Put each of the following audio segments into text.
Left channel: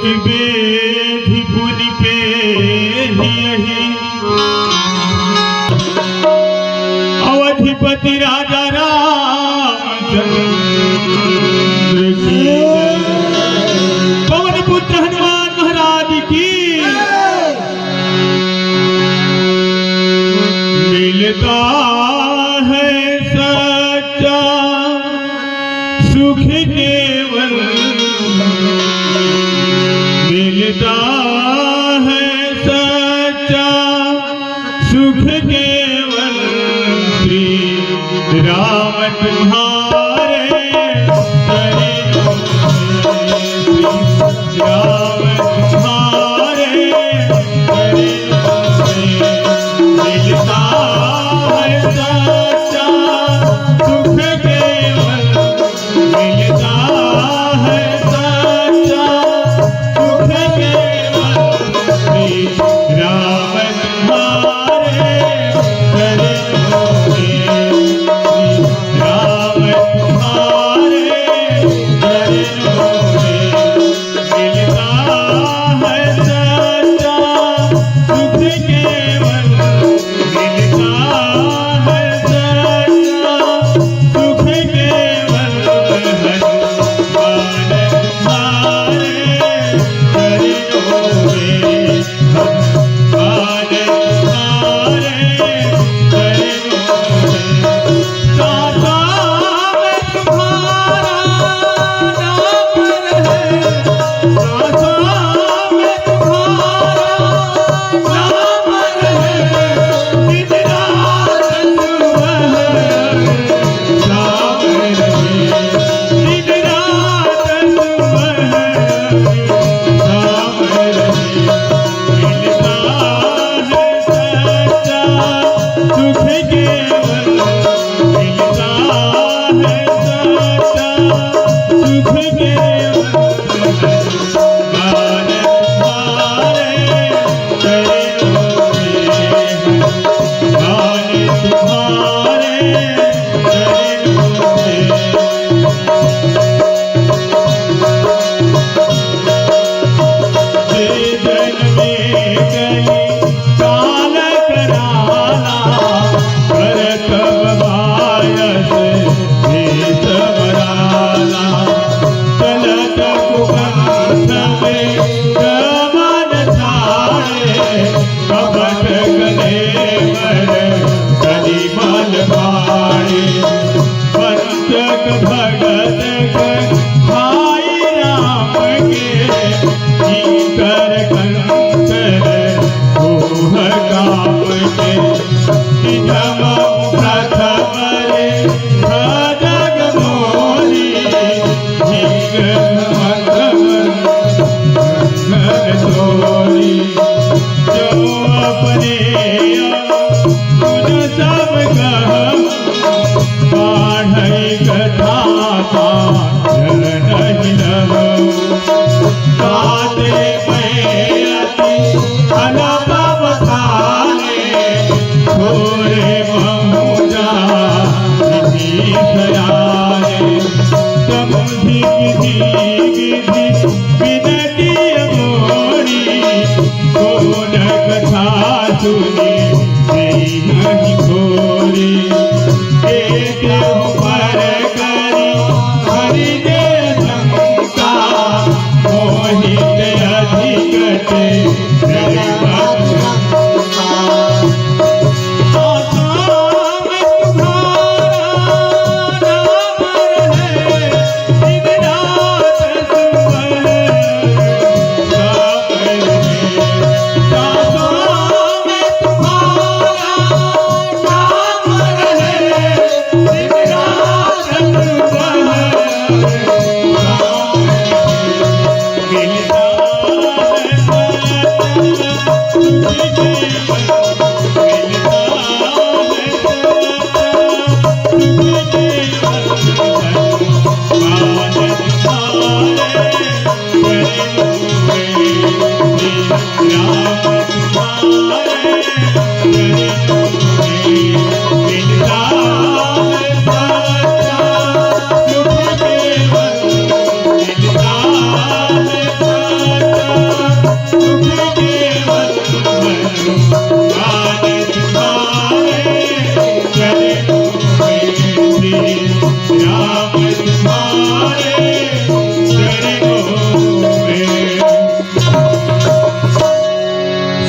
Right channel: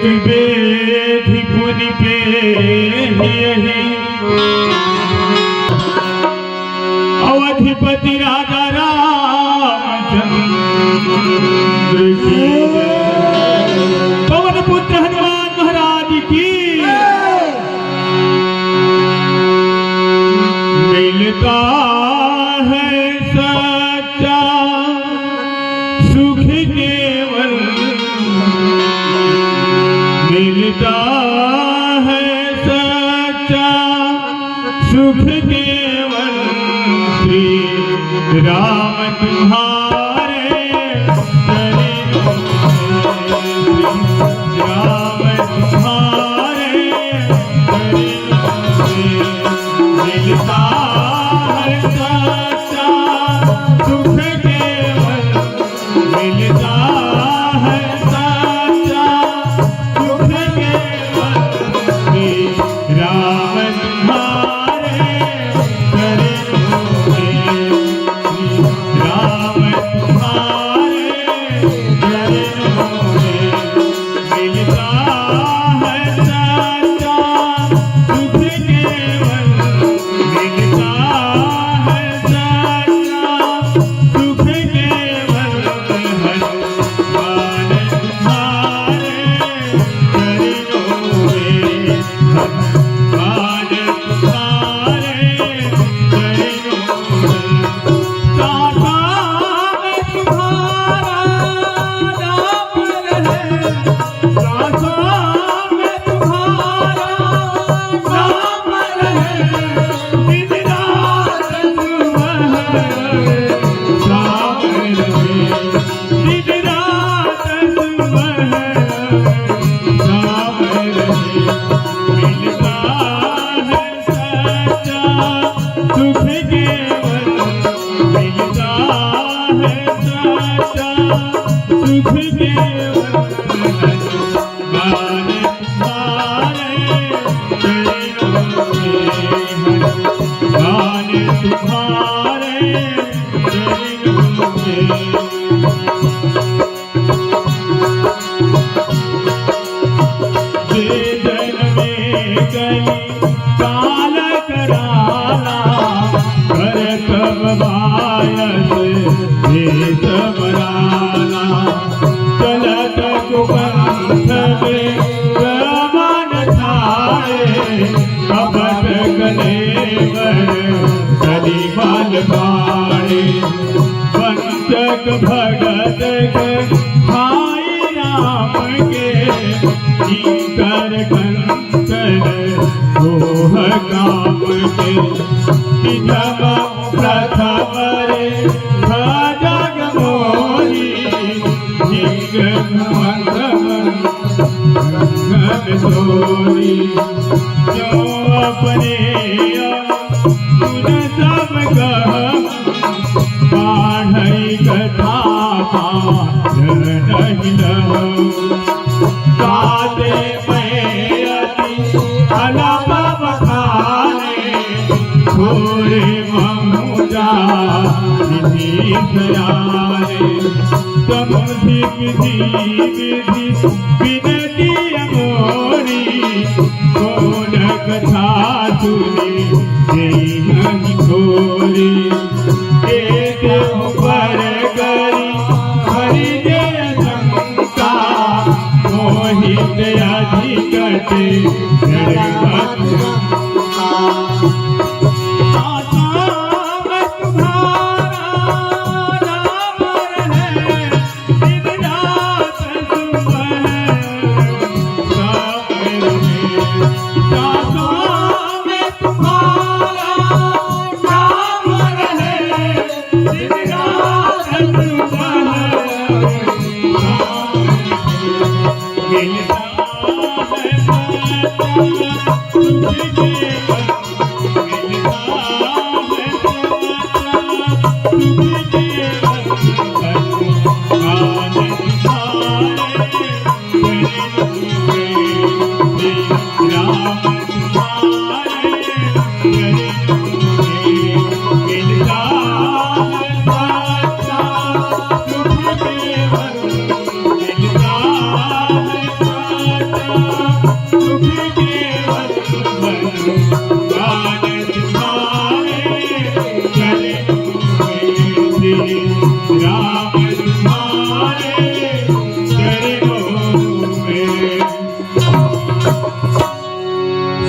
की बेधी पुनि पे अवधिपति राजा रामचंद्र की पवन पुत्र हनुमान महाराज की मिलता है सच्चा सुख केवल मिलता है सच्चा सुख केवल श्री राम तुम्हारे राम तुम्हारे मिलता है सच्चा सुख केवल मिलता है सच्चा सुख केवल श्री राम तुम्हारे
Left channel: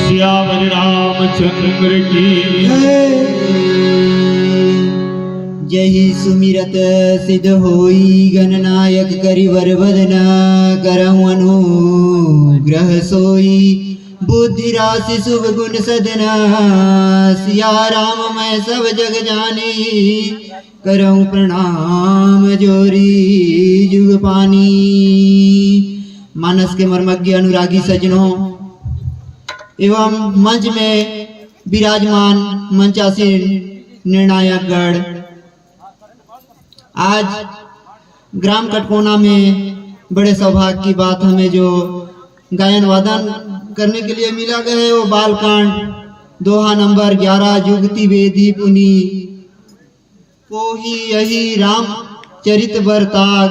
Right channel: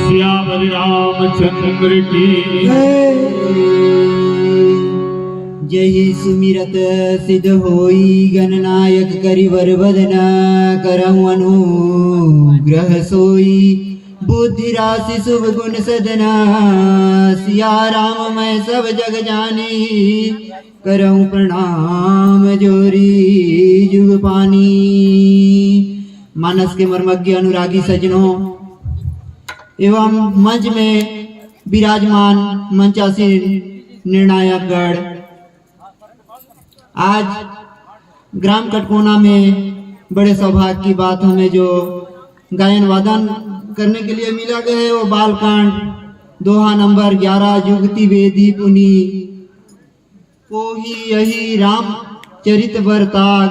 श्यामल रामचंद्र की यही सुमिरत सिद्ध होई गणनायक करिवर बदना करहु अनुग्रह सोई बुद्धि राशि शुभ गुण सदना सिया राम मैं सब जग जानी करहु प्रणाम जोरी जुग पानी। मानस के मर्मज्ञ अनुरागी सजनों एवं मंच में विराजमान मंचासीन निर्णायक गण, आज ग्राम कटकोना में बड़े सौभाग्य की बात हमें जो गायन वादन करने के लिए मिला गया वो बालकांड दोहा नंबर 11 जुगति वेदी पुनी कोही यही राम चरित बरताग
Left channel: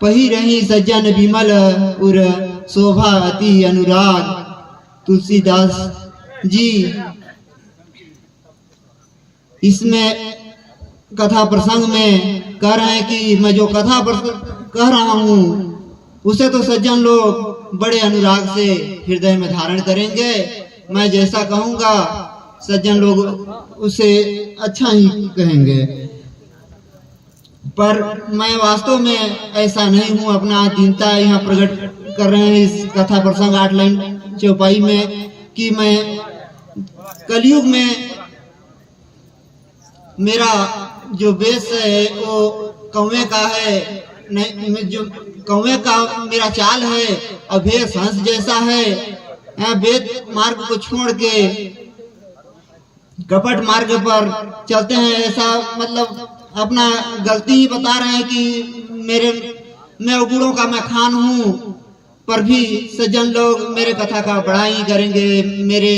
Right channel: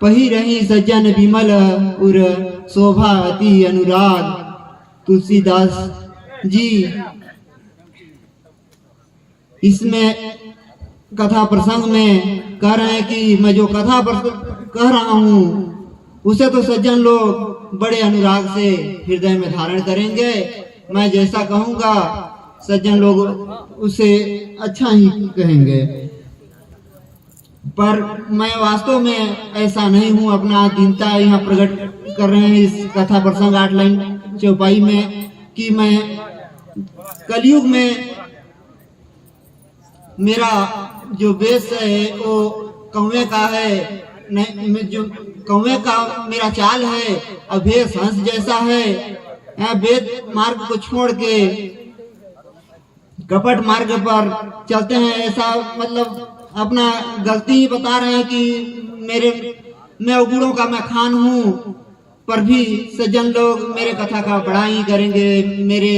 पही रही सज्जन विमल उर शोभा अति अनुराग। तुलसीदास जी इसमें कथा प्रसंग में कह रहे हैं कि मैं जो कथा कह रहा हूँ उसे तो सज्जन लोग बड़े अनुराग से हृदय में धारण करेंगे। मैं जैसा कहूँगा सज्जन लोग उसे अच्छा ही कहेंगे, पर मैं वास्तव में ऐसा नहीं हूँ। अपना दीनता यहाँ प्रकट कर रहे हैं इस कथा प्रसंग 8 लाइन चौपाई में कि मैं कलयुग में मेरा जो वेश है वो कौवे का है, नहीं जो कौवे का मेरा चाल है, अभेश हंस जैसा है। वेद मार्ग को छोड़ के कपट मार्ग पर चलते हैं, ऐसा मतलब अपना गलती ही बता रहे हैं कि मैं अवगुणों का मैं खान हूँ, पर भी सज्जन लोग मेरे कथा का बड़ा ही करेंगे। मेरे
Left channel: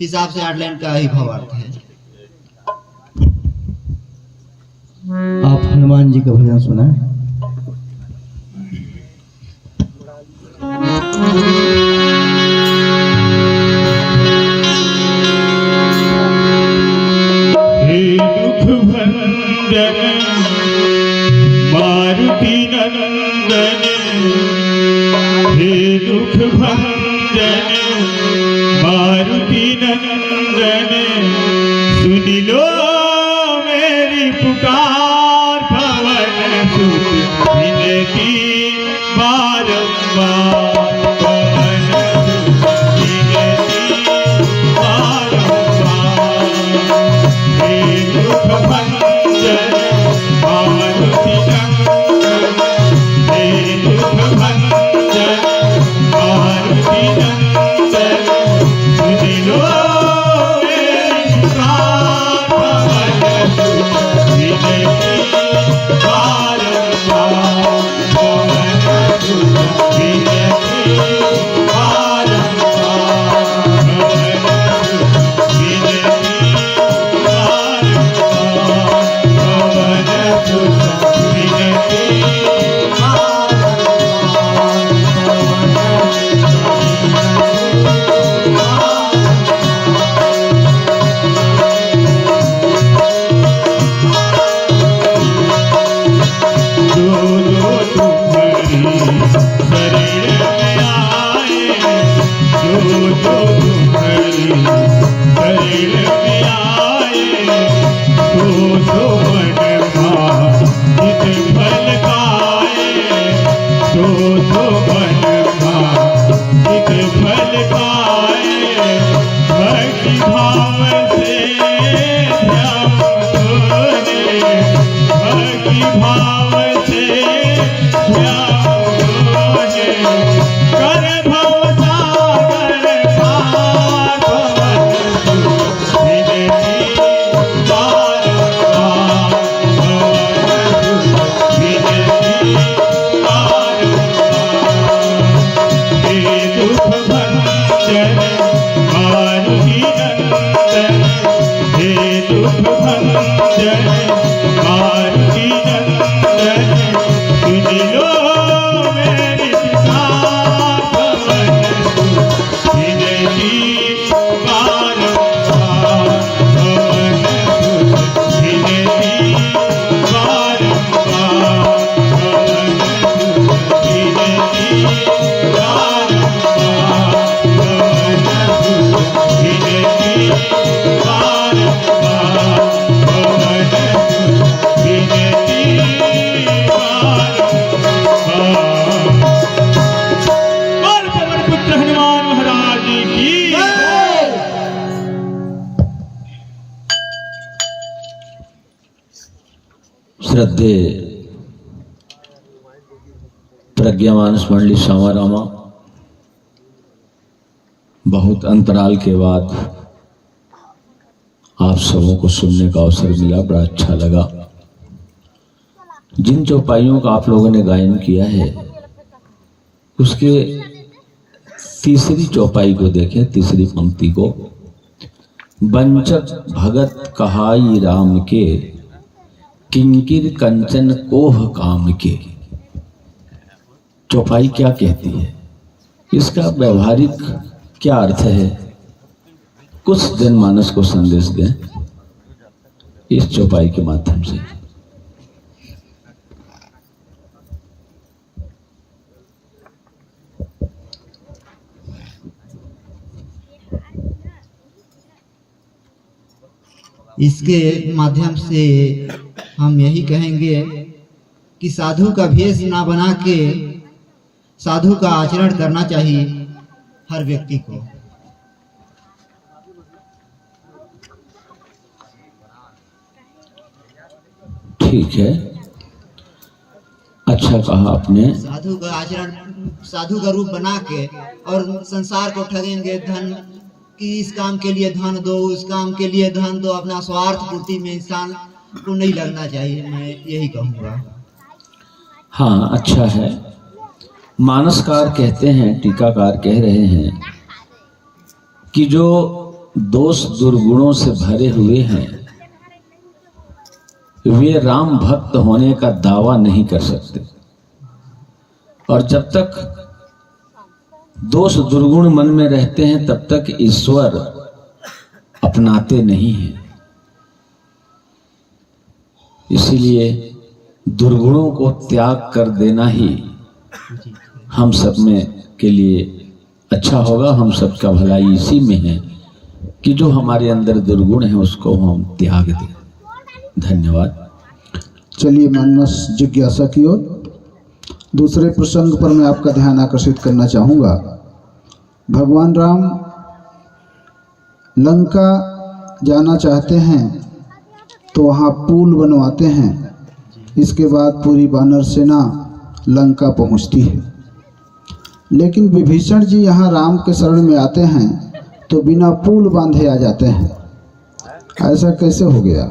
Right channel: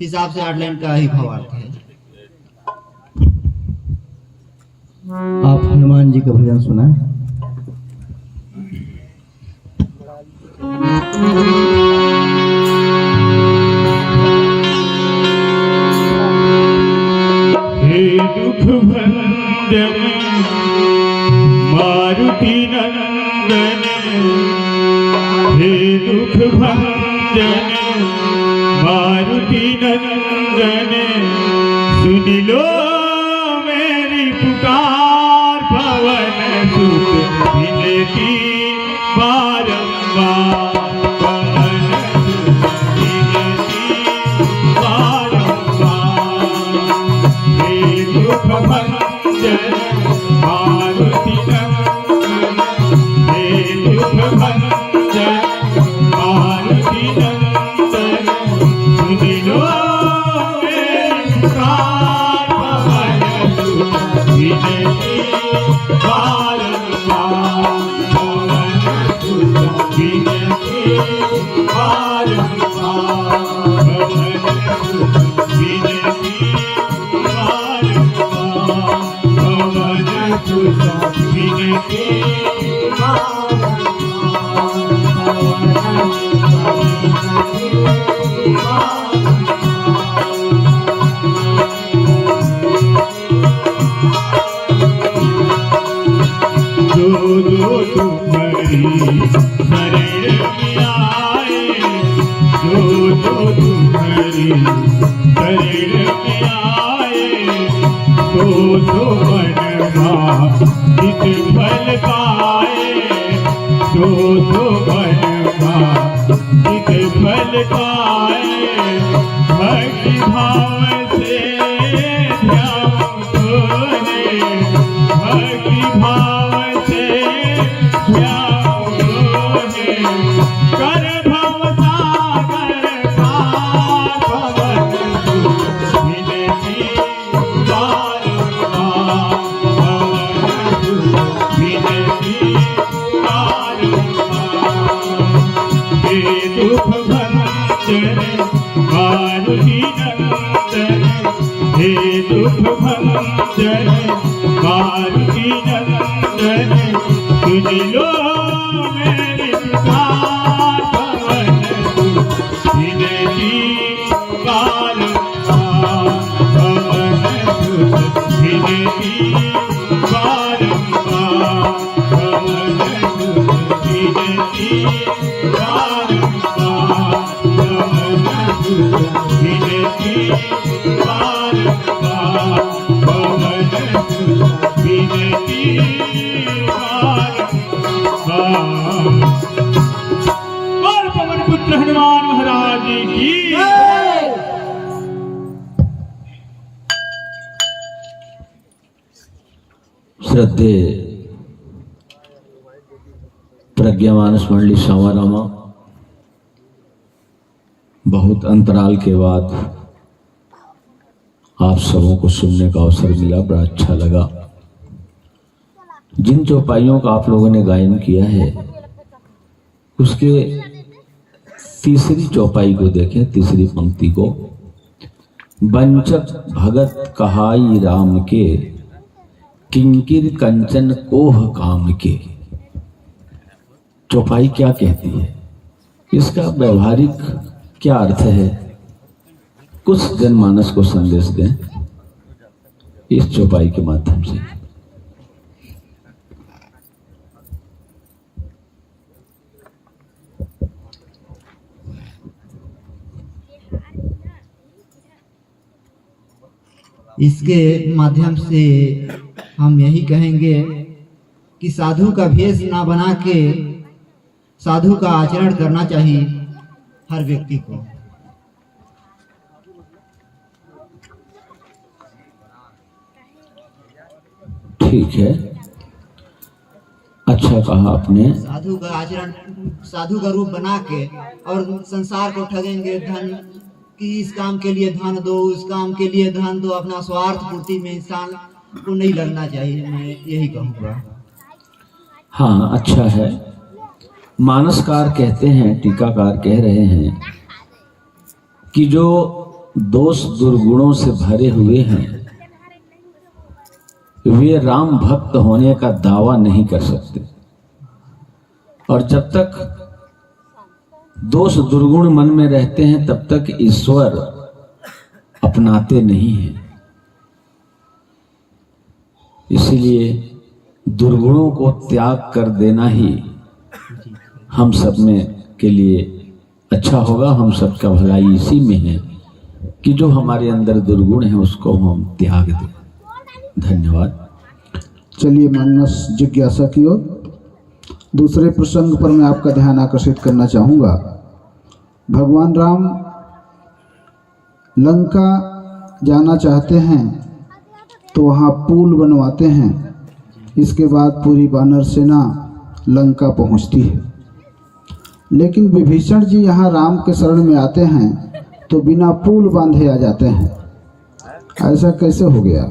हिसाब से 8 लाइन का ही भावार्थ है। आप हनुमान जी का भजन सुनाएं। हे दुख भंजन मारुति नंदन, हे दुख भंजन मारुति नंदन, सुन लो मेरी पुकार पवन सुत विनती बारंबार, पवन सुत विनती बारंबार। हे दुख भंजन मारुति नंदन, हे दुख भंजन मारुति नंदन, सुन लो मेरी पुकार पवन सुत विनती बारंबार, पवन सुत विनती बारंबार, पवन सुत विनती बारंबार, पवन सुत विनती भक्ति भाव से ध्यान तोरे, भक्ति भाव से ध्यान तोरे, कर भव सागर पार पवन सुत विनती बारंबार, पवन सुत विनती बारंबार। हे दुख भंजन श्रद्धे प्रज्ञावान मंडली सामारामा, बहुत अंतराल के बाद आप सबों को सुनने का अवसर मिला, बड़ा अच्छा लगा। जिन चौपाइयों का आप लोगों ने गायन किया है उसके तीसरी चौपाई को देखें, तीसरी पंक्ति को, बंचक भगत कहाई राम के, किंकिर कंचन कोह काम के। चौपाई क्या कहती है, इसका व्यवहारिक क्या अर्थ है, कुछ जनमानस को संदेश दें इस चौपाई के माध्यम से। इसके माध्यम से हम यही कहेंगे कि साधु का भेष ना बना के साधु का आचरण करना चाहिए हर व्यक्ति को। ठीक है, अच्छा कहा आपने। साधु का आचरण, साधु का रूप बना के और संसार को ठगेंगे, धन कि इस काम के लिए धन दो, उस काम के लिए धन दो, अपना स्वार्थ पूर्ति में इंसान को नहीं लगना चाहिए, मैं यही कहूँगा। हाँ, अच्छा है। मानसकार कहते हैं, टीकाकार कह रहे हैं कि जो दोष दुर्गुणों से भरे हुए हैं वे राम भक्त होने का दावा नहीं कर सकते, और जब तक दोष दुर्गुण मन में रहते हैं तब तक ईश्वर अपनाते नहीं हैं। इसीलिए दुर्गुणों को त्याग कर देना ही हम सब में के लिए अच्छा होगा। हम सबका भलाई इसी में है कि जो हमारे अंदर दुर्गुण है उसको हम त्याग दें। धन्यवाद। चलिए मानस जिज्ञासा की ओर दूसरे प्रसंग पर मैं आपका ध्यान आकर्षित करना चाहूँगा। भगवान राम लंका जाना चाहते हैं तो वहाँ पुल बनवाते हैं। इसके बाद पूरी वानर सेना लंका पहुँचती है, लेकिन विभीषण जी यहाँ राम के शरण में आते हैं तो बिना पुल बांधे आ जाते हैं। ऐसा कैसे हो गया?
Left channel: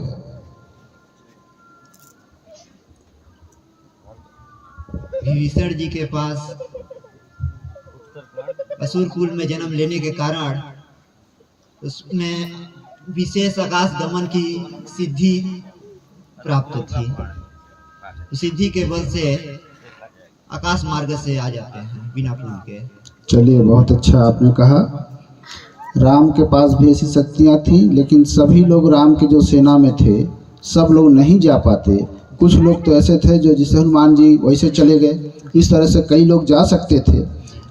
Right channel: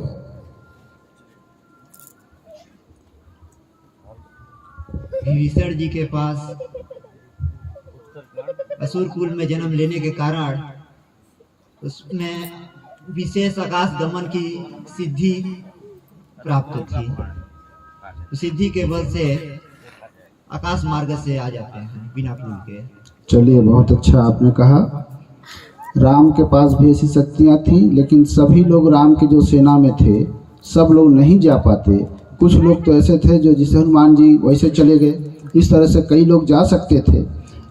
विभीषण जी के पास असुर कुल में जन्म लेने के कारण उसमें विशेष आकाश गमन की सिद्धि प्राप्त थी। सिद्धि के बल से आकाश मार्ग से आ जाते हैं बिना पुल के। चलिए, बहुत अच्छा आपने कहा। राम के पास भी ऐसी शक्तियाँ थी, लेकिन सभी लोग राम के जो सेना में थे सब लोग नहीं जा पाते। कुछ लोग तो ऐसे थे जो जैसे हनुमान जी वैसे चले गए। इस तरह से कई लोग जा सकते थे,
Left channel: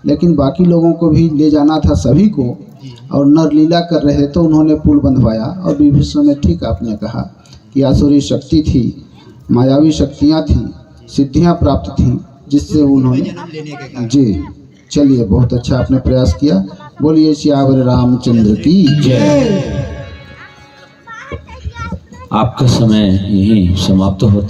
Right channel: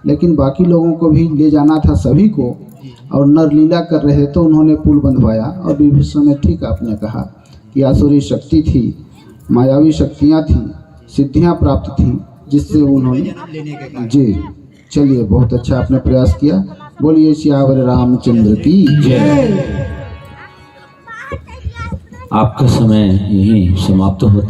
लेकिन बाकी लोगों को भी ले जाना था सभी को, और नरलीला कर रहे तो उन्होंने पुल बंधवाया। और विभीषण ने ठीक आपने कहा कि आसुरी शक्ति थी, मायावी शक्तियाँ थी, सिद्धियाँ प्राप्त थी, जिससे उन्होंने जी। चलिए, बहुत अच्छा आपने प्रयास किया। बोलिए सियावर रामचंद्र की जय। आपका समय यहीं समाप्त होता है।